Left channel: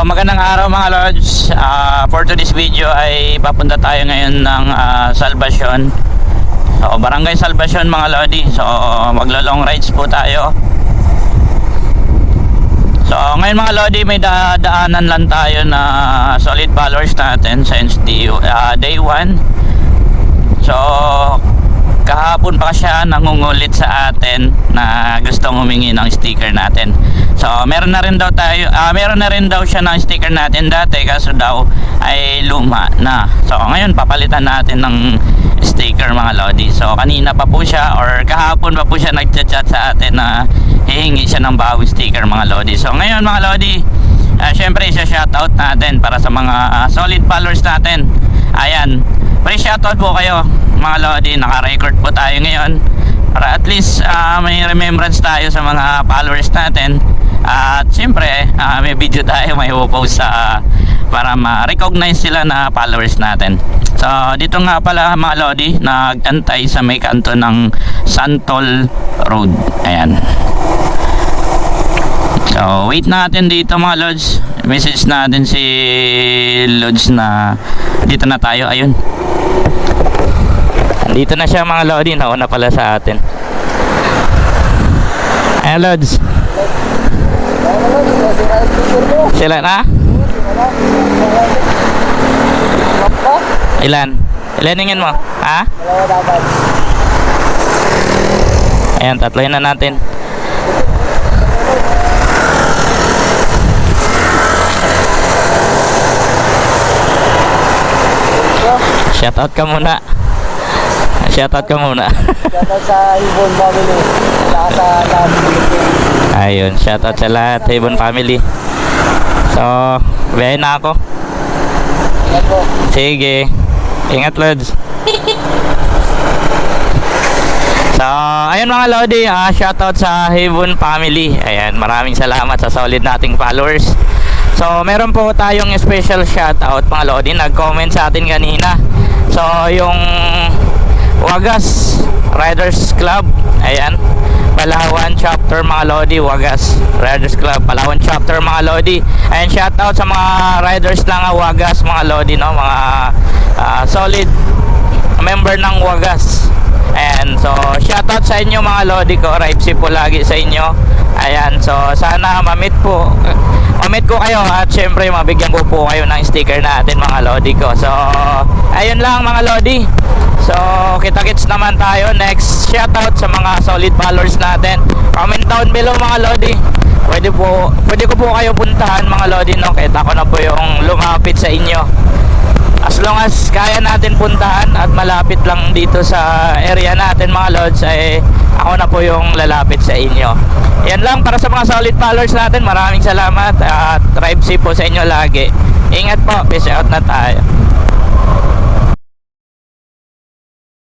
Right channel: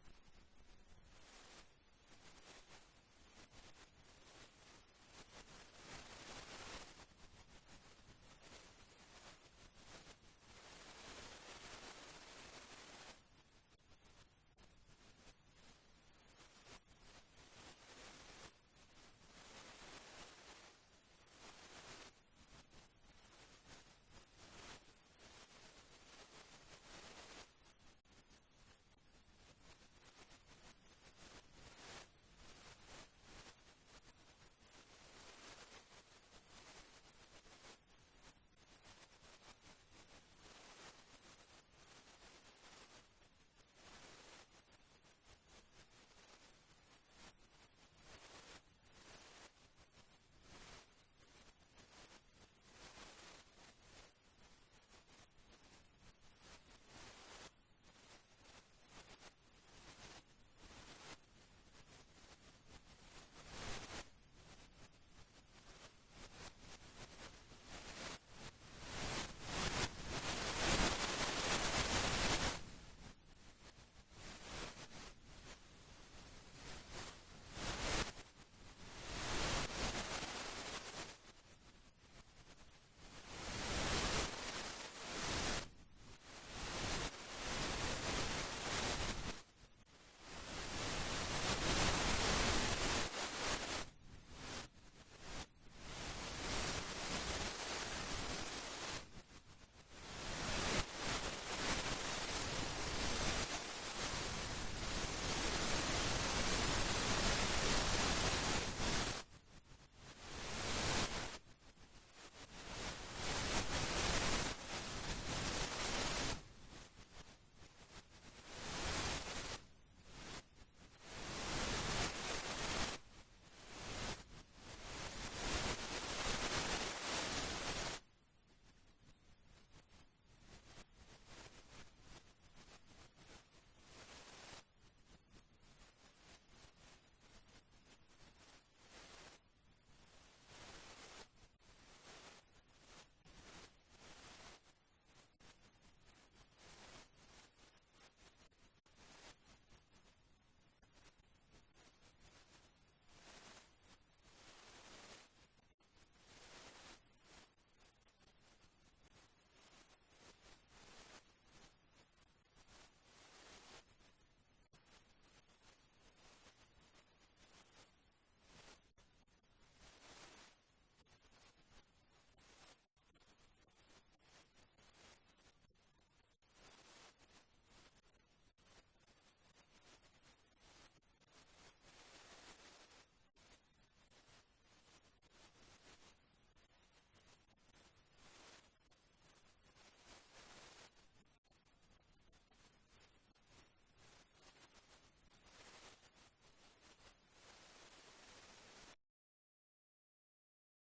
magandang araw mga lords. For today's video ay papunta tayo ngayon ng Salvacion. So, Barangay Salvacion mga lodi. So, maglo-long rides po tayo. So, ngayon mga lodi, may daanan lang tayo na solid followers natin sa NSDU day 1. So, kahapon pa siya nangungulit sa atin na gustong humingi ng sticker natin. So meron na rin daw siya ng sticker natin dati, kaso daw ay luma na. So ngayon papalitan natin ng sticker mga lodi. So kanina pa po siya or kahapon pa po siya nagchat-chat sa atin na hihingi siya ng bagong sticker mga lodi. So ngayon mga lodi, syempre isa-shoutout natin para sa mga solid followers natin. Ayan, pre-shoutout po kayo mga lodi, naka-record po tayo ngayon para at least may remembrance tayo sa mga followers natin. At siyempre may video tayo may post para ma-recognize sila na followers natin. So dito nga pala mga lodi, nag-antay sa may kanto ng Santol Road. Ayan. So wait natin dito mga lods. Message natin si Lods na dito na tayo. Ayun, dito na siya mga lodi, nauna pala sa atin. Ayan Lods. Sila na? Ilan? Ilaningin mo? Ha? Ayan, tatlohin na natin. Shoutout ka muna. Shoutout ka muna. Shoutout sa Ibon family. Saka sa lahat. Ayun, shoutout sa lahat, Ibon family. So, biyahin na ako. Ingat po. Sige. Ingat Lods. So, ayun mga lodi, shoutout sa Ibon family. Ayan, maraming salamat sa solid nating followers. So, meron po tayong special shoutout mga lodi, nag-comment sa atin kanina. So, yung Wagas Riders Club, ayan, Palawan chapter mga lodi, Wagas Riders Club, Palawan chapter mga lodi. Ayan, shoutout sa mga riders ng Wagas mga lodi, no? Mga solid member ng Wagas. Ayan, so shoutout sa inyo mga lodi ko, ride safe po lagi sa inyo. Ayan, so sana mamit ko kayo at syempre mabigyan ko po kayo ng sticker natin mga lodi ko. So ayun lang mga lodi. So kita-kits naman tayo next. Shoutout sa mga solid followers natin. Comment down below mga lodi. Pwede ko po kayo puntahan mga lodi, no? Kahit ako na po yung lumapit sa inyo. As long as kaya natin puntahan at malapit lang dito sa area natin mga lods, ay ako na po yung lalapit sa inyo. Yan lang para sa mga solid followers natin. Maraming salamat at drive safe po sa inyo lagi. Ingat po, peace out na tayo.